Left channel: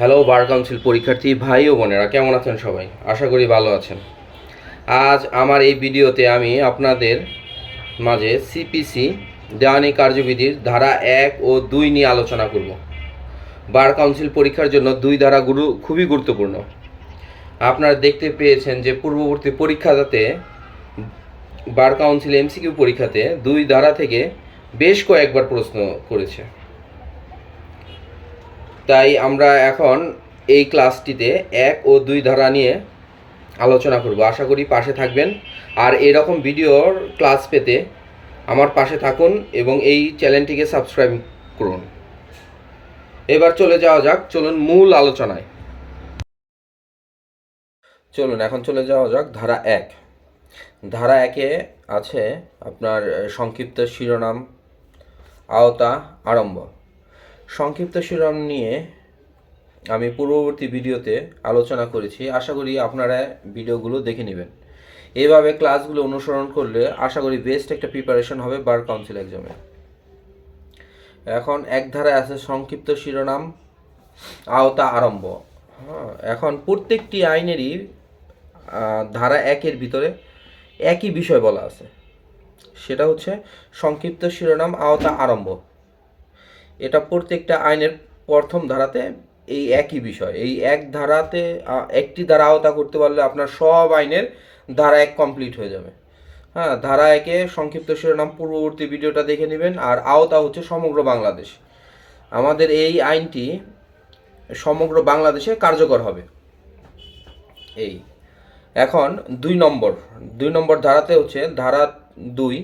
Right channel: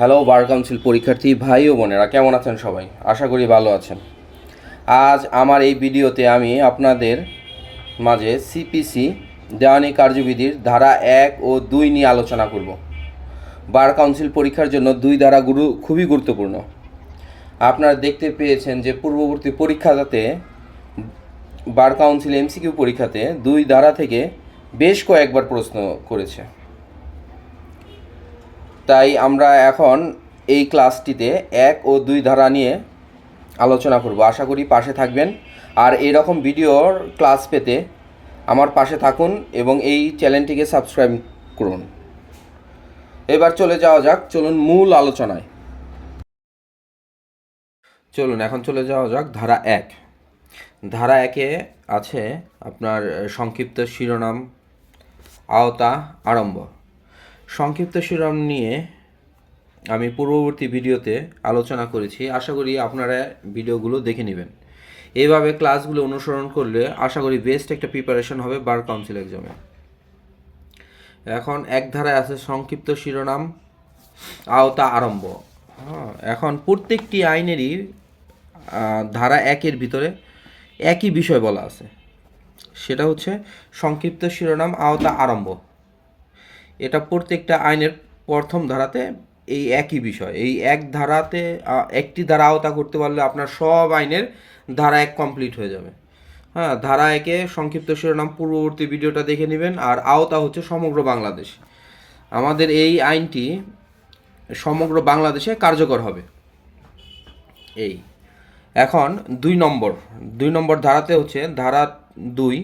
Hello bar council পরীক্ষার্থী ভাই ও বোনেরা, কেমন আছেন সবাই? আশা করি ভালো আছেন। আজ আমার এই ভিডিওতে আমি আপনাদের মাঝে সিপিসি দেওয়ানি কার্যবিধির ধারা 1 ও 2 নিয়ে আলোচনা করব। বার কাউন্সিল পরীক্ষার জন্য দুই ধারা খুবই গুরুত্বপূর্ণ। আপনারা দেখতে পেয়েছেন যে পূর্ববর্তী পরীক্ষাতে বার কাউন্সিল এমসিকিউ পরীক্ষাতে দুই ধারা থেকে বেশ কয়েকবার প্রশ্ন করেছে। তাই আমরা এখন এই ক্লাসটিতে 1 ও 2 ধারা নিয়ে আলোচনা করব। আশা করি পাশে থাকবেন, আর এরকম ভিডিওর ক্লাস পেতে আমার পাশে থাকুন এবং এই চ্যানেলটিকে সাবস্ক্রাইব করুন। এবার চলে যাওয়া যাক, চলুন মূল আলোচনায়। এখন চলে যাওয়া যাক ধারা 1। ধারা 1-এ আছে আপনার সংক্ষিপ্ত শিরোনাম, আওতা, আরম্ভ। সংক্ষিপ্ত শিরোনাম নিয়ে আমি পূর্ববর্তী ভিডিওতে আলোচনা করেছি, আশা করি আপনারা ভিডিওগুলো দেখে নেবেন। এইভাবে ক্লাসগুলো অনুসরণ করলে আশা করি বেস্ট একটা প্রিপারেশন হবে বার কাউন্সিল এক্সামে। এখন এক ধারায় আছে সংক্ষিপ্ত শিরোনাম, আওতা, আরম্ভ। এখন প্রত্যেকটি আইনেরই ধারা 1-এর ভিতরে একই বিষয় বলা আছে, সেটা হচ্ছে সংক্ষিপ্ত শিরোনাম, আওতা, আরম্ভ। এটা প্রত্যেকটা আইনের প্রথম ধারাতে এই একই বিষয়। এই এক ধারাতে একটি ধারা আওতা করতে পারলে আপনার সব আইনের ধারা 1 কমপ্লিট হয়ে যাবে। ধারা 1-এ সংক্ষিপ্ত শিরোনাম পূর্ববর্তী ভিডিওটা দেখে নেবেন। আর আওতা হচ্ছে সমগ্র বাংলাদেশ। আমাদের এই আইনটি সমগ্র বাংলাদেশে কার্যকর হবে। এই এখন 2 নম্বর ধারাতে হচ্ছে ধারা 2।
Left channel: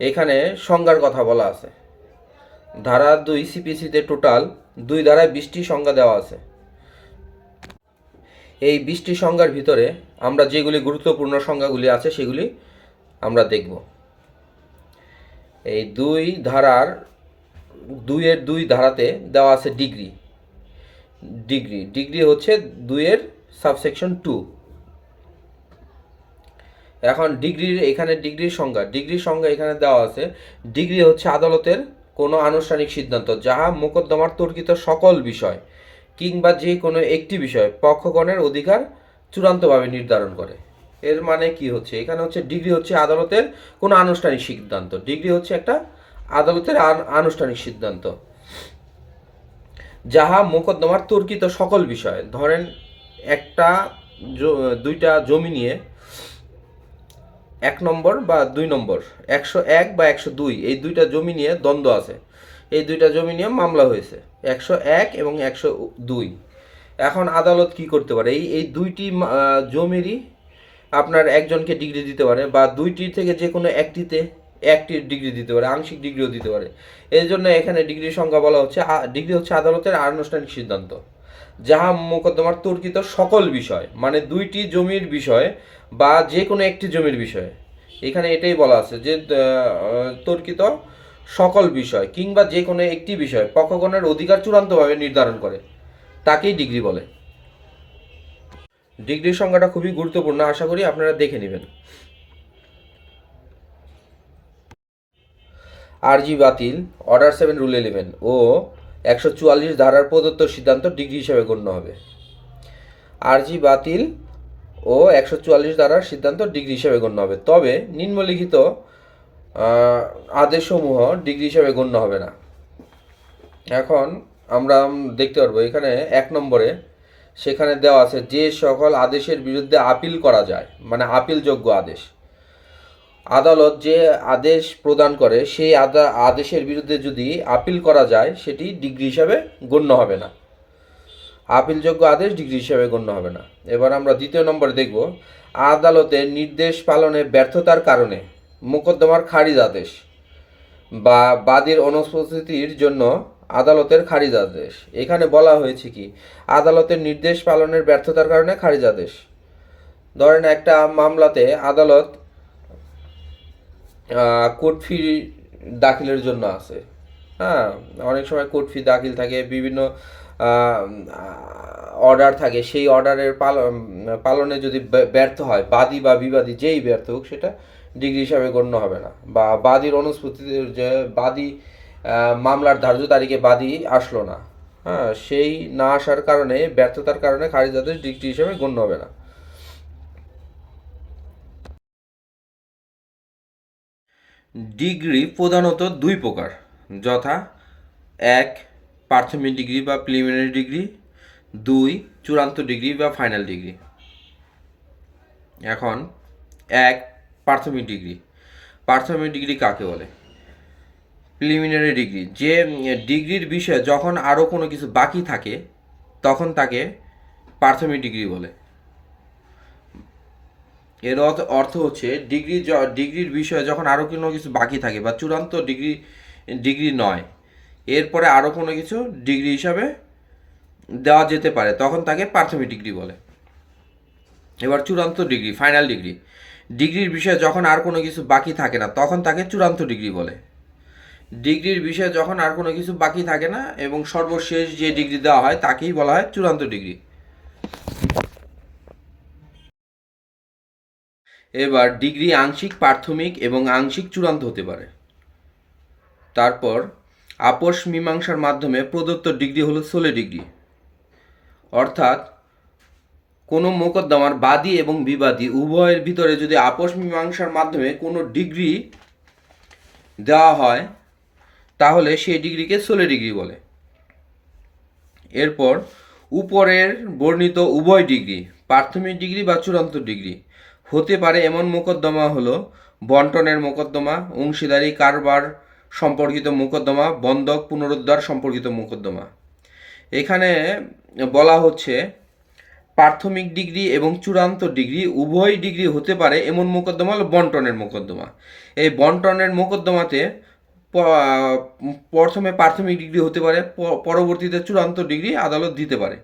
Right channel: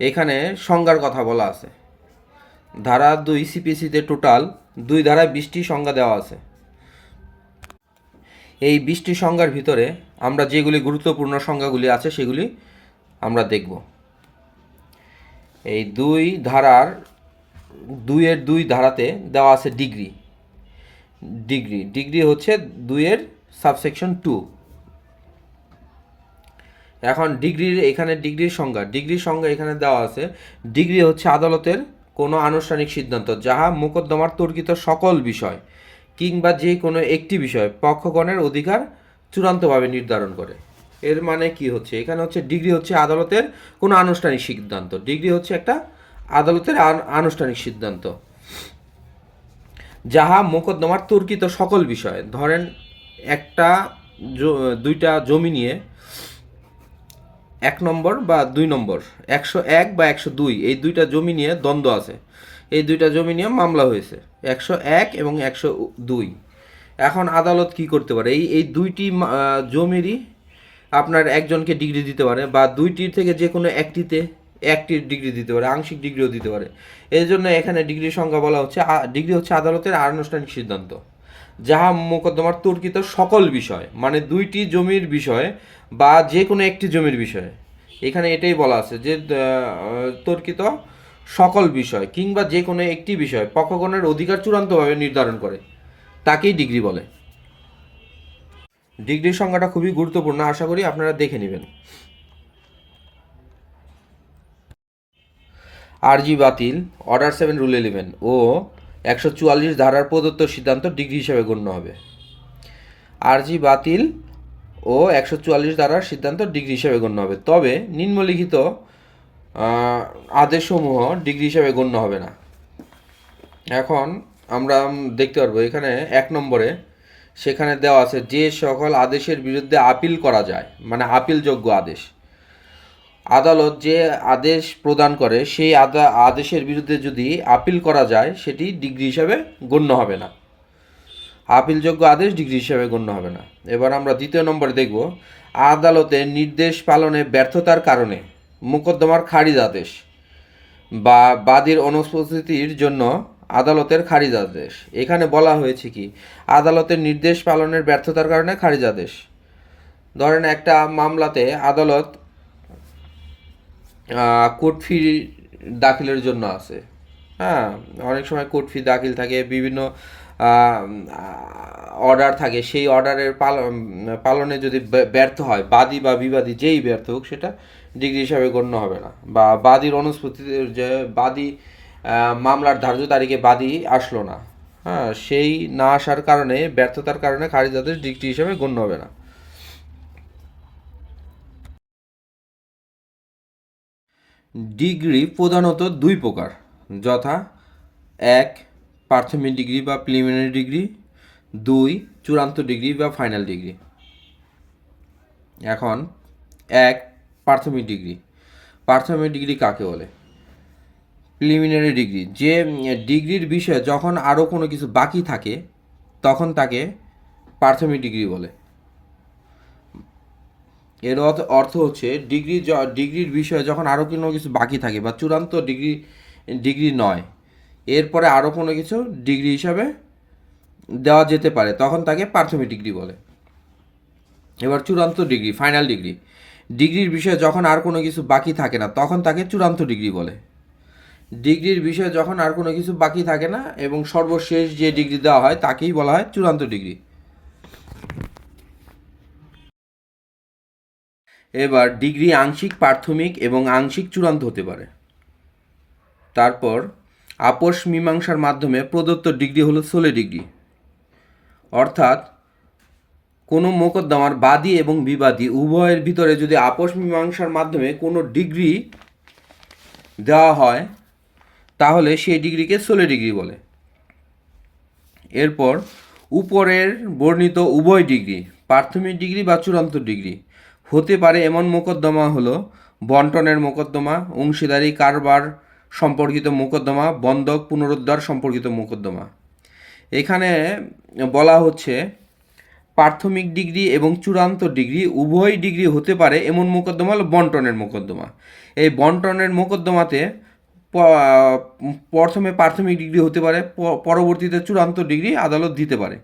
এখানে সংজ্ঞার কথা বলা আছে। ধারা 2 সিপিসিতে টোটাল 2 ধারায় 20টি সংজ্ঞা দেওয়া আছে। এই 20টি সংজ্ঞার ভিতরে আমরা যেগুলি গুরুত্বপূর্ণ সংজ্ঞাগুলি আছে সেগুলি আমরা দেখব। এই 2 ধারাতে দেওয়া আছে ডিগ্রি হচ্ছে 2-এর সাবসেকশন 2। এখন ডিগ্রির সংজ্ঞা এখানে দেওয়া আছে। ডিগ্রি হচ্ছে আদালতের কোনো আনুষ্ঠানিক সিদ্ধান্ত যাহা মোকদ্দমার তর্কিত সকল বিষয় কিংবা যে কোনো একটি বিষয় পক্ষগণের অধিকার চূড়ান্তভাবে নির্ধারণ করে। এর মানে কি হচ্ছে? এখানে হচ্ছে ডিগ্রি হচ্ছে আদালতের কোনো আনুষ্ঠানিক সিদ্ধান্ত। ডিগ্রি হচ্ছে একটা আদালতের আনুষ্ঠানিক সিদ্ধান্ত যাহা মোকদ্দমার তর্কিত সকল বিষয়। ধরেন দুইটা জমি নিয়ে 1 নম্বর বা 2 নম্বর, 101 বা 102, এই দুইটা জমি নিয়ে দ্বন্দ্ব আছে। এই দুইটা জমি নিয়ে মামলা হয়েছে, 101 এবং 102। এখন আদালত কি করতে পারে? এই দুইটি জমিরই আপনার একজনকে ডিগ্রি দিতে পারে, বা দুইটির থেকে যে কোনো একটির ডিগ্রি দিতে পারে, আংশিক ডিগ্রিও দিতে পারে। এই জন্য এখানে ডিগ্রির সংজ্ঞা বলা হচ্ছে ডিগ্রি হচ্ছে আদালতের আনুষ্ঠানিক সিদ্ধান্ত যাহা মোকদ্দমার তর্কিত সকল বিষয়, মানে দুইটি জমির বিষয় বা যে কোনো একটি জমির বিষয়। এখানে এটাই বলা আছে যে তর্কিত সকল বিষয় কিংবা যে কোনো একটি বিষয় পক্ষগণের অধিকার চূড়ান্তভাবে নির্ধারণ করে, তাকেই ডিগ্রি বলে। ডিগ্রির সংজ্ঞাটা খুবই গুরুত্বপূর্ণ, আশা করি আপনারা দেখে নেবেন। আরজি বাতিল, অর্ডার 7 রুল 11 ও 144 ধারার প্রদত্ত সিদ্ধান্ত ডিগ্রি হিসেবে গণ্য হবে। আরজি বাতিল ও 144 ধারার সিদ্ধান্ত ডিগ্রি হিসেবে গণ্য হবে, তবে নিম্নলিখিত আদেশসমূহ ডিগ্রি হিসেবে গণ্য হবে না। এখন আমরা দেখতে পারবো এখানে 1 নম্বরে সেখানে দেওয়া আছে যে সকল আদেশের বিরুদ্ধে আপিল করা যায়, মানে আপিলযোগ্য আদেশ। আদালত যে আদেশ প্রদান করে সেই আদেশের বিরুদ্ধে যদি আপিল করা যায় সেটি ডিগ্রি হিসাবে গণ্য হবে না। আপিলযোগ্য আদেশ ডিগ্রি হিসাবে গণ্য হবে না। এবার আমরা 2 নম্বরে দেখব আদালতের নির্দেশ পালনে ব্যর্থতার কারণে মোকদ্দমার খারিজ আদেশ বা বাদীর অনুপস্থিতির জন্য আদালতের খারিজ আদেশ। এখানে বলা হয়েছে কি আদালতের নির্দেশ পালনের ব্যর্থতার কারণে খারিজ আদেশ। ধরেন একটা মামলাতে আদালত কোর্ট ফি দাখিলের জন্য আছে। অনেক সময় কোর্ট ফি দাখিল থাকে, বিভিন্ন অর্ডার থাকে। সেই অর্ডারের পালনে যদি ব্যর্থ হয় বাদী বা বিবাদী, যেই ব্যর্থ হোক, সেটা ডিগ্রি হিসাবে গণ্য হবে না। বা বাদীর অনুপস্থিতির যে বাদী মামলার ধার্য তারিখে বাদী আসলো না, হ্যাঁ, সেই না আসার কারণে, ব্যর্থতার কারণে খারিজ আদেশ ডিগ্রি হিসেবে গণ্য হবে না। ডিগ্রি প্রধানত দুই প্রকার, যথা এক প্রাথমিক ডিগ্রি বা প্রিলিমিনারি ডিগ্রি, দুই চূড়ান্ত ডিগ্রি বা ফাইনাল ডিগ্রি। এখন এক প্রাথমিক ডিগ্রি। প্রাথমিক ডিগ্রি কাকে বলে? প্রিলিমিনারি ডিগ্রি, যে ডিগ্রির বিষয়ে যখন আরও কোনো কিছু বাকি থাকে তখন তাকে প্রাথমিক ডিগ্রি বলে। এর অর্থ হচ্ছে ডিগ্রির বিষয়ে যখন আরও কোনো কিছু বাকি থাকে বা চূড়ান্ত ডিগ্রি নয়, এরপরে আরও কোনো কিছু ডিগ্রি হিসাবে দেওয়া যেতে পারে, তখন তাকে প্রাথমিক ডিগ্রি বলে। এবার চূড়ান্ত ডিগ্রি, ফাইনাল ডিগ্রি। ডিগ্রির বিষয়ে যখন আর কোনো কিছু বাকি থাকে না তখন তাকে চূড়ান্ত ডিগ্রি বলে। ডিগ্রির বিষয়ে যখন আর কোনো কিছু বাকি থাকে না এবং সর্বশেষ যে ডিগ্রি দেওয়া হয় তাকেই বলা হয় চূড়ান্ত ডিগ্রি। এবার ডিগ্রি আংশিক প্রাথমিক এবং আংশিক চূড়ান্ত হতে পারে। তারপর আপোষ মীমাংসার মাধ্যমে প্রদত্ত ডিগ্রি হলো সোলে ডিগ্রি, অর্থাৎ কোনো মোকদ্দমার বাদী এবং বিবাদী উভয়ের ভিতরে যদি আপোষ মীমাংসার মাধ্যমে কোনো ডিগ্রি দেওয়া হয় তাহলে সেই ডিগ্রিকে সোলে ডিগ্রি বলে। এরপর উপরের বর্ণিত উভয় ডিগ্রি, প্রাথমিক ডিগ্রি বা চূড়ান্ত ডিগ্রি হতে পারে এমন মোকদ্দমা হলো বন্টনের মোকদ্দমা, অংশীদারি কারবার সম্পর্কিত মোকদ্দমা, বন্ধক পুনরুদ্ধার সম্পর্কিত মোকদ্দমা। এখানে বলা হচ্ছে প্রাথমিক ডিগ্রি এবং চূড়ান্ত ডিগ্রি উভয় ডিগ্রি হতে পারে এমন মোকদ্দমা হলো বন্টনের মোকদ্দমা। এই বন্টনের মোকদ্দমাতে প্রথমে প্রাথমিক ডিগ্রি হতে পারে, পরবর্তীতে চূড়ান্ত ডিগ্রি আদালত দিতে পারে।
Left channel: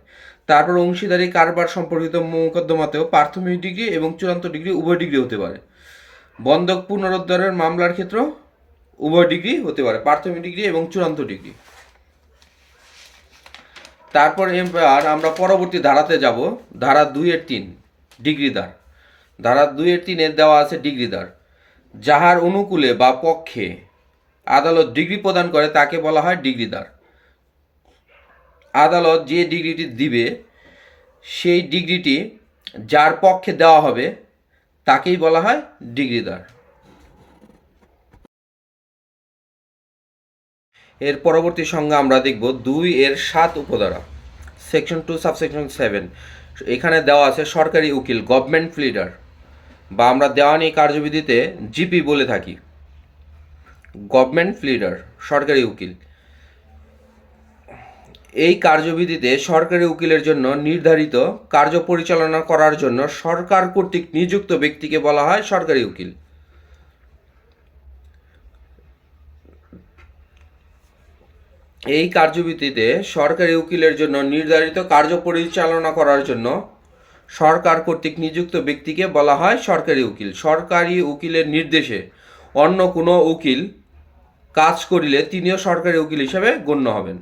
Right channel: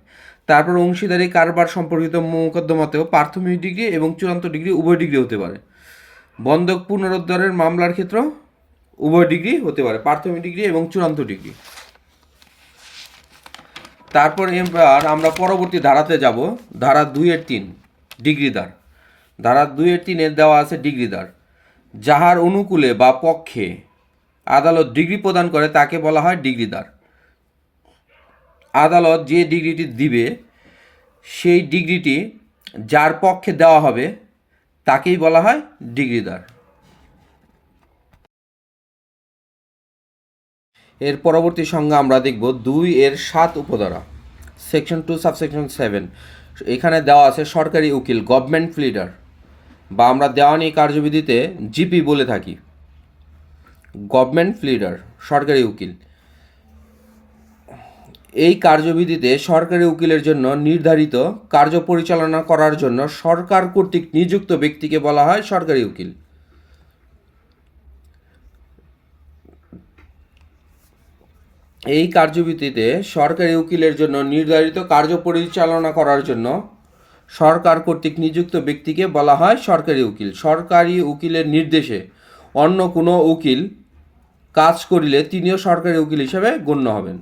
তারপর অংশীদারি কারবার সম্পর্কিত মোকদ্দমাতেও প্রাথমিক ডিগ্রি এবং চূড়ান্ত ডিগ্রি উভয় ডিগ্রি হতে পারে। বন্ধক পুনরুদ্ধারের মামলার ক্ষেত্রেও উভয় ডিগ্রি হতে পারে, প্রাথমিক ডিগ্রি এবং চূড়ান্ত ডিগ্রি। তারপর এবার আমরা পরবর্তী ধারাতে যাব, ধারা 2-3 ডিগ্রিদার। ধারা 2-3 দেওয়া আছে ডিগ্রিদার। যাহার অনুকূলে বা পক্ষে আদালত ডিগ্রি প্রদান করে তাকে বলা হয় ডিগ্রিদার। আদালত যে ডিগ্রিটি দিবে সেই ডিগ্রিটি যার পক্ষে দেওয়া হবে তাকেই বলা হয় ডিগ্রিদার। এর পরবর্তী সংজ্ঞা আমরা দেখব 2-7 উপধারা, সেকশন 2 সাবসেকশন 7। এখানে দেওয়া আছে সরকারি উকিল, গভর্নমেন্ট প্লিডার, বা আমরা দেওয়ানি কার্যবিধিতে জিপি বলে থাকি। গভর্নমেন্ট প্লিডার, সরকারি উকিল। এই কার্যবিধিতে সরকারি উকিলের জন্য নির্ধারিত কার্য পরিচালনা করার জন্য সরকার কর্তৃক নিযুক্ত ব্যক্তিকে বলা হয় সরকারি উকিল। এই কার্যবিধিতে সরকারি উকিলের জন্য নির্ধারিত কার্য পরিচালনা করার জন্য সরকার কর্তৃক নিযুক্ত ব্যক্তিকে বলা হয় সরকারি উকিল। সরকারি উকিলের নির্দেশে অন্য কোনো উকিল কাজ করিলে তিনিও সরকারি উকিল হিসেবে গণ্য হবেন।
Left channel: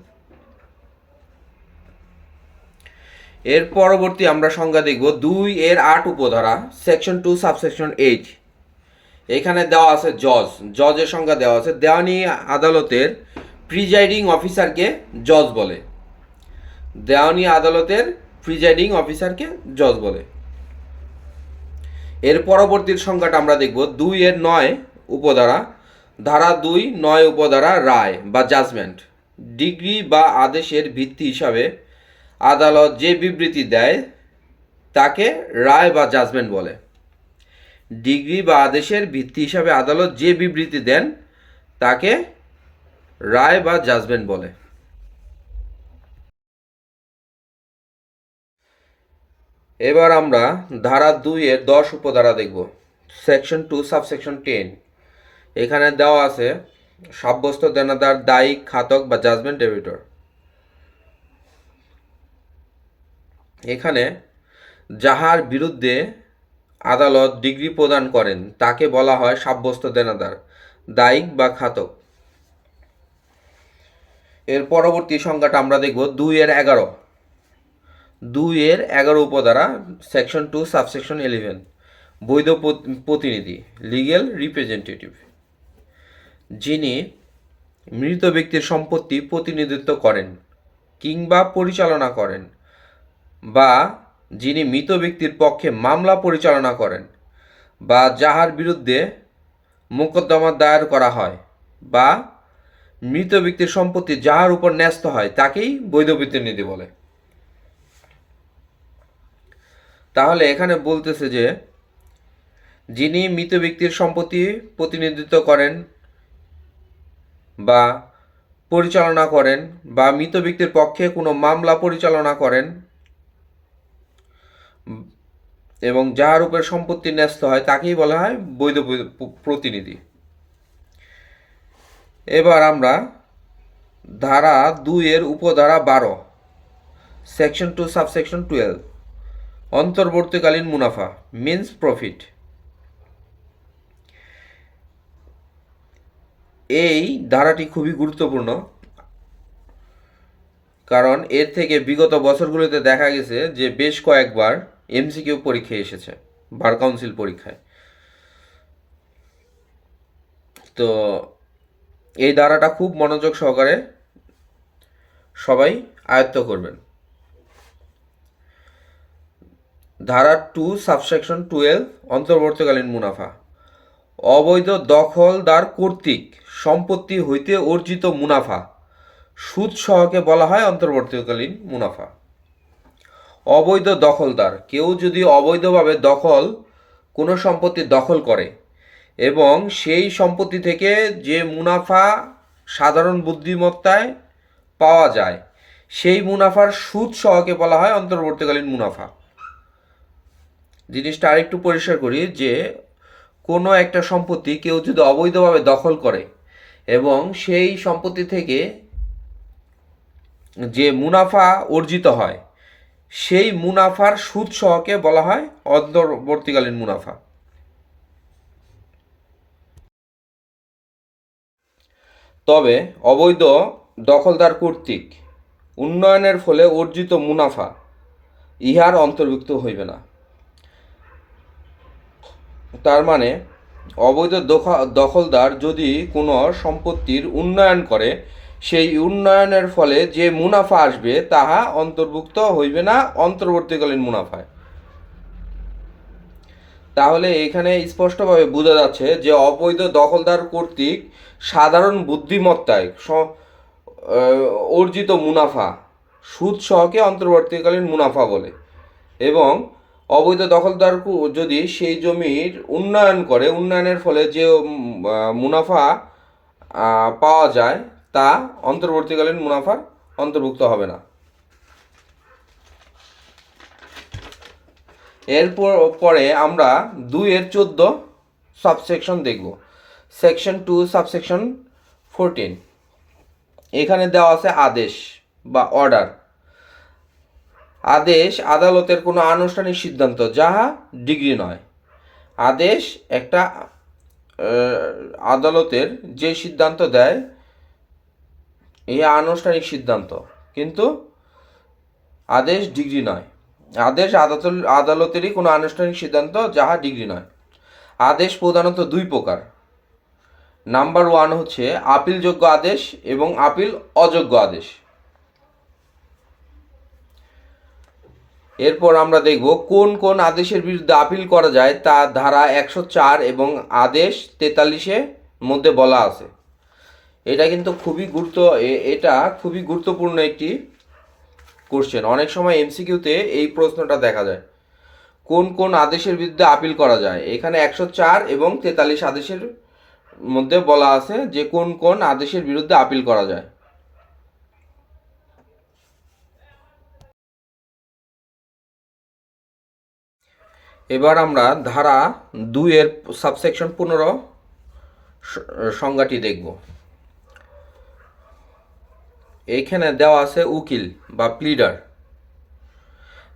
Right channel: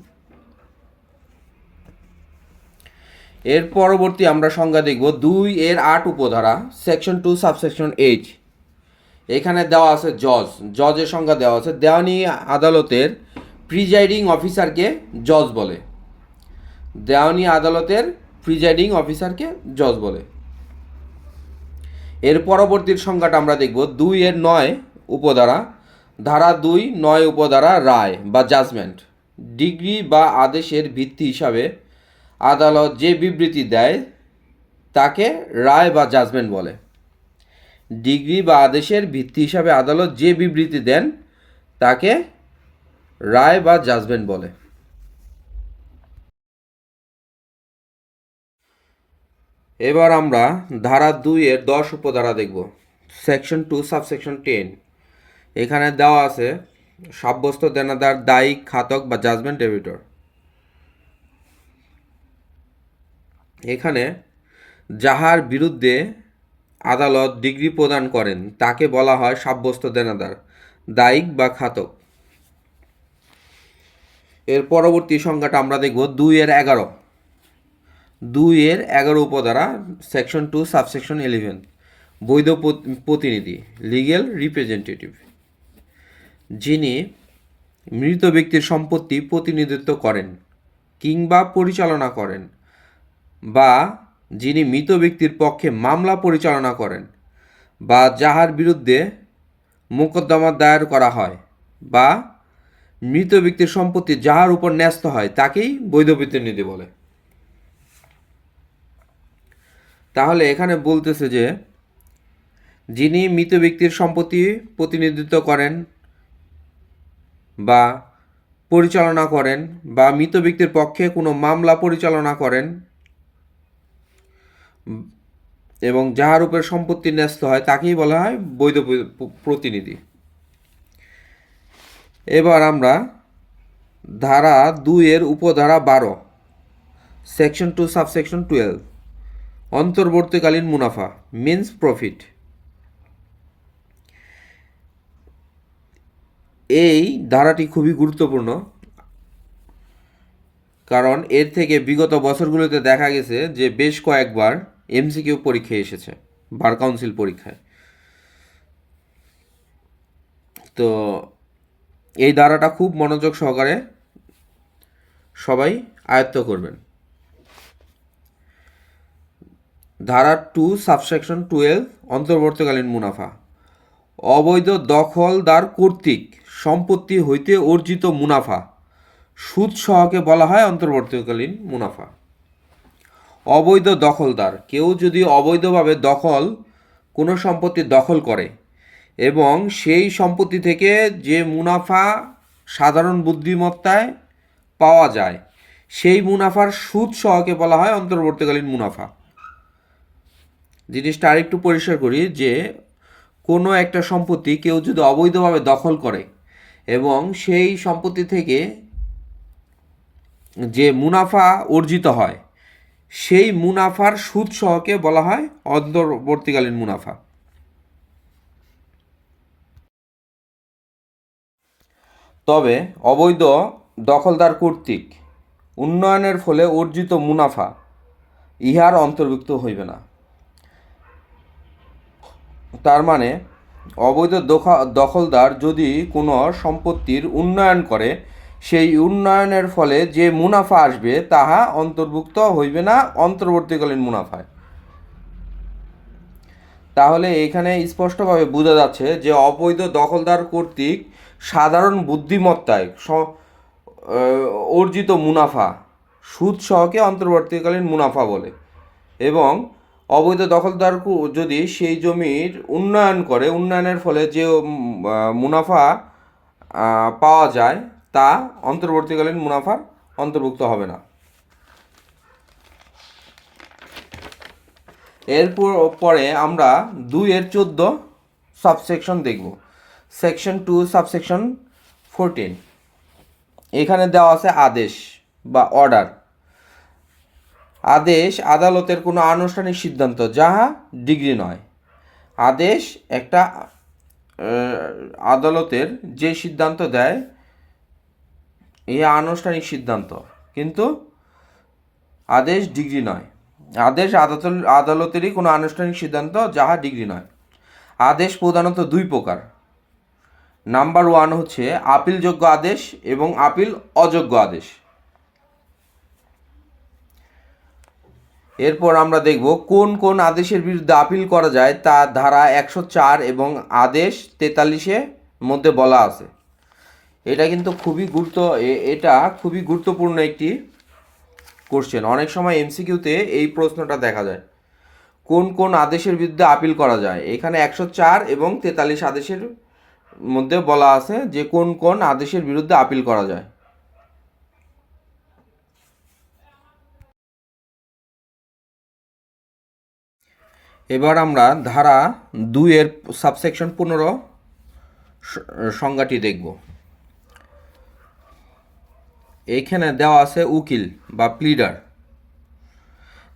এর পরবর্তী আমরা সংজ্ঞা দেখব 2-8 উপধারা, সেকশন 2 সাবসেকশন 8। এখানে দেওয়া আছে জজের সংজ্ঞা দেওয়া আছে। দেওয়ানি আদালতের প্রিজাইডিং অফিসারকে জজ বলে। দেওয়ানি আদালতের প্রিজাইডিং অফিসারকে জজ বলে। এর পরবর্তীর সংজ্ঞাটা আমরা দেখব 2-9 উপধারা, ধারা 2-9 উপধারা রায় বা জাজমেন্ট। ডিগ্রি বা আদেশের ভিত্তি হিসাবে আদালত যে বিবৃতি দেয় তাকে রায় বা জাজমেন্ট বলে। ডিগ্রি বা আদেশের ভিত্তি হিসাবে আদালত যে বিবৃতি দেন তাকে রায় বা জাজমেন্ট বলে। এবার আমরা ধারা 2-10 উপধারা দেখব, সেকশন 2 সাবসেকশন 10। এখানে দেওয়া আছে সাব্যস্ত দেনাদার, দায়ী, খাতক বা জাজমেন্ট ডেবিটর। এখানে যাহার বিরুদ্ধে আদালত ডিগ্রি প্রদান করেন তাকে বলা হয় সাব্যস্ত দেনাদার, দায়িক বা খাতক। এর পরবর্তী সংজ্ঞাটা আমরা দেখব 2-11। 2-11 উপধারা, সেকশন 2 সাবসেকশন 11। বৈধ প্রতিনিধি, লিগ্যাল রিপ্রেজেন্টেটিভ, যিনি মৃত ব্যক্তির সম্পত্তি প্রতিনিধিত্ব করেন কিংবা পরিচালনা করেন, বা যিনি মৃত ব্যক্তির পক্ষে মামলা পরিচালনা করেন, বা যাহার বিরুদ্ধে মোকদ্দমা দায়ের করা হয়, বা মৃত ব্যক্তির সম্পত্তি যাহার উপর ন্যস্ত হয় তাকেই বৈধ প্রতিনিধি বলে। তাহলে এখানে বলতেছে যে যিনি মৃত ব্যক্তির সম্পত্তি প্রতিনিধিত্ব করেন বা পরিচালনা করেন, বা মৃত ব্যক্তির পক্ষে কোনো মামলা পরিচালনা করেন এবং যাহার উপর সম্পত্তি ন্যস্ত হয় তাকেই বলা হয় বৈধ প্রতিনিধি। এবার আমরা ধারা 2 উপধারা 12 সেকশন 2 সাবসেকশন 12 অন্তর্বর্তীকালীন মুনাফা মিন্স প্রফিট, এই ধারাটি খুবই গুরুত্বপূর্ণ, কারণ এর থেকে বিগত বছরগুলোতে দেখা গেছে যে বেশ কয়েকবার এমসিকিউ পরীক্ষায় এসেছে, বার কাউন্সিল পরীক্ষায়। তো এই ধারাটা খুব মনোযোগ সহকারে সবাই আয়ত্ত করবেন। ধারা 2 সাবসেকশন 12 অন্তর্বর্তীকালীন মুনাফা, অবৈধ দখলদার কর্তৃক সম্পত্তি হইতে অর্জিত মুনাফা সুদ সহকে বলা হয় অন্তর্বর্তীকালীন মুনাফা। অবৈধ দখলদার, কেউ যদি অবৈধভাবে কোনো সম্পত্তি দখল করে এবং সেই সম্পত্তি থেকে যে মুনাফা সাধারণ বুদ্ধিমত্তায় পাওয়া যায় সেই মুনাফার সুদ সহকে বলা হয় অন্তর্বর্তীকালীন মুনাফা। জিনিসটা আরেকটু পরিষ্কার করি যে কোনো একটা সম্পত্তি কেউ যদি অবৈধভাবে দখল করে এবং সেই সম্পত্তি থেকে যে মুনাফা অর্জিত হয় সেই মুনাফার সুদ সহকে বলা হয় অন্তর্বর্তীকালীন মুনাফা। তবে অবৈধ দখলদার কর্তৃক উন্নয়নের ফলে অর্জিত মুনাফা ইহার অন্তর্ভুক্ত হইবে না। তার মানে অবৈধ দখলদার যদি কোনো সম্পত্তির উন্নয়ন করে সেই উন্নয়নের ফলে যে মুনাফা আসবে তাহা অন্তর্ভুক্ত হইবে না অন্তর্বর্তীকালীন মুনাফায়। তাহলে এখানে স্পষ্টভাবে বোঝা যাচ্ছে যে অবৈধ দখলদার কর্তৃক সাধারণ বুদ্ধিমত্তায় অর্জিত মুনাফা সুদ সহকে অন্তর্বর্তীকালীন মুনাফা বলে, এবং অবৈধ দখলদার যদি সেই জমির উন্নয়ন করে, উন্নয়নের ফলে যে মুনাফা পাওয়া যায় তা অন্তর্বর্তীকালীন মুনাফার অন্তর্ভুক্ত হবে না। পরে আমরা 2-14 সাবসেকশন দেখব। সেকশন 2 সাবসেকশন 14, এখানে দেওয়া আছে আদেশ বা অর্ডার। আদেশ আদালতের কোনো আনুষ্ঠানিক সিদ্ধান্ত যাহা ডিগ্রি নয়। আদেশ একটা আদালতের যে সিদ্ধান্ত দেয় এই আনুষ্ঠানিক সিদ্ধান্ত, কিন্তু আদেশ ডিগ্রি নয়। আদেশ আদালতেরই কোনো আনুষ্ঠানিক সিদ্ধান্ত যাহা ডিগ্রি নয়। আদেশ প্রধানত 2 প্রকার। নাম্বার 1 হচ্ছে আপিলযোগ্য আদেশ এবং আপিল অযোগ্য আদেশ। এরপর আমরা দেখব কোন কোন আদেশের বিরুদ্ধে আপিল করা যায় তা ধারা 104 এবং আদেশ 43-এর মধ্যে বলা আছে। এটা কিন্তু এটা খুবই গুরুত্বপূর্ণ একটি কোশ্চেন। অনেক সময় এমসিকিউতে এই প্রশ্নটা দেখা যায়, কোন কোন আদেশের বিরুদ্ধে আপিল করা যায়। এখানে 104 এবং 43 আদেশের মধ্যে বলা আছে যে কোন কোন আদেশের বিরুদ্ধে আপিল করা যায়। এবার আমরা ধারা 2 সাবসেকশন 15 সংজ্ঞাটি দেখব। এইখানে দেওয়া আছে উকিল বা প্লিডার,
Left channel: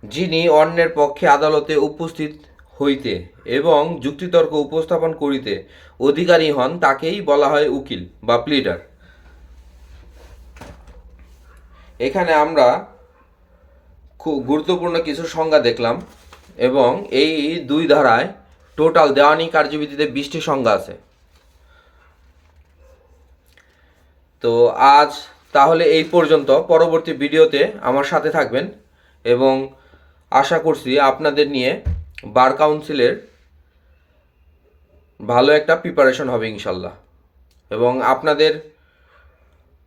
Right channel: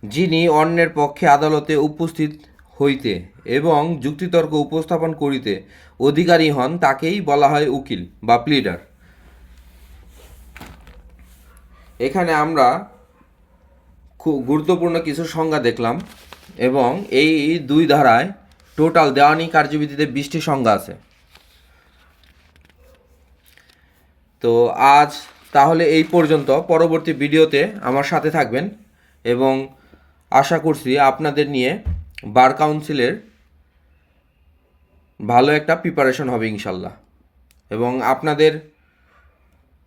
যিনি অন্যের পক্ষে আদালতে উপস্থিত হইতে এবং যুক্তিতর্ক উপস্থাপন করিতে অধিকারী হন তাকেই বলা হয় উকিল বা প্লিডার। এখানে আমরা খুব গুরুত্বপূর্ণ কিছু সংজ্ঞা দেখলাম, এবং এই 2 ধারায় টোটাল দেওয়ানি কার্যবিধিতে 20টি সংজ্ঞা আছে। তো আজ তাহলে এই পর্যন্ত। পরবর্তী ভিডিওতে আমার সাথে থাকবেন এবং আশা করছি আপনাদের নিয়ে বার কাউন্সিলের ভালো একটা প্রিপারেশন হবে ইনশাল্লাহ। এবং আপনাদের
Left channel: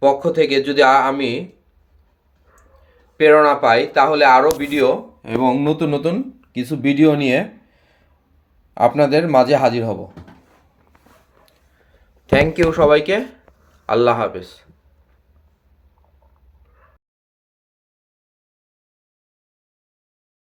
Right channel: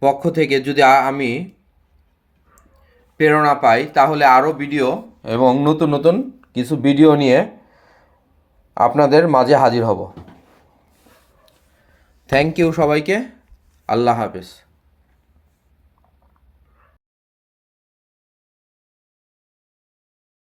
পক্ষ থেকে যদি আমি প্রেরণা পাই তাহলে আরও ভিডিও এবং নতুন নতুন কিছু ভিডিও নিয়ে আপনাদের মাঝে হাজির হব। থ্যাংক ইউ সবাইকে। আল্লাহ হাফেজ।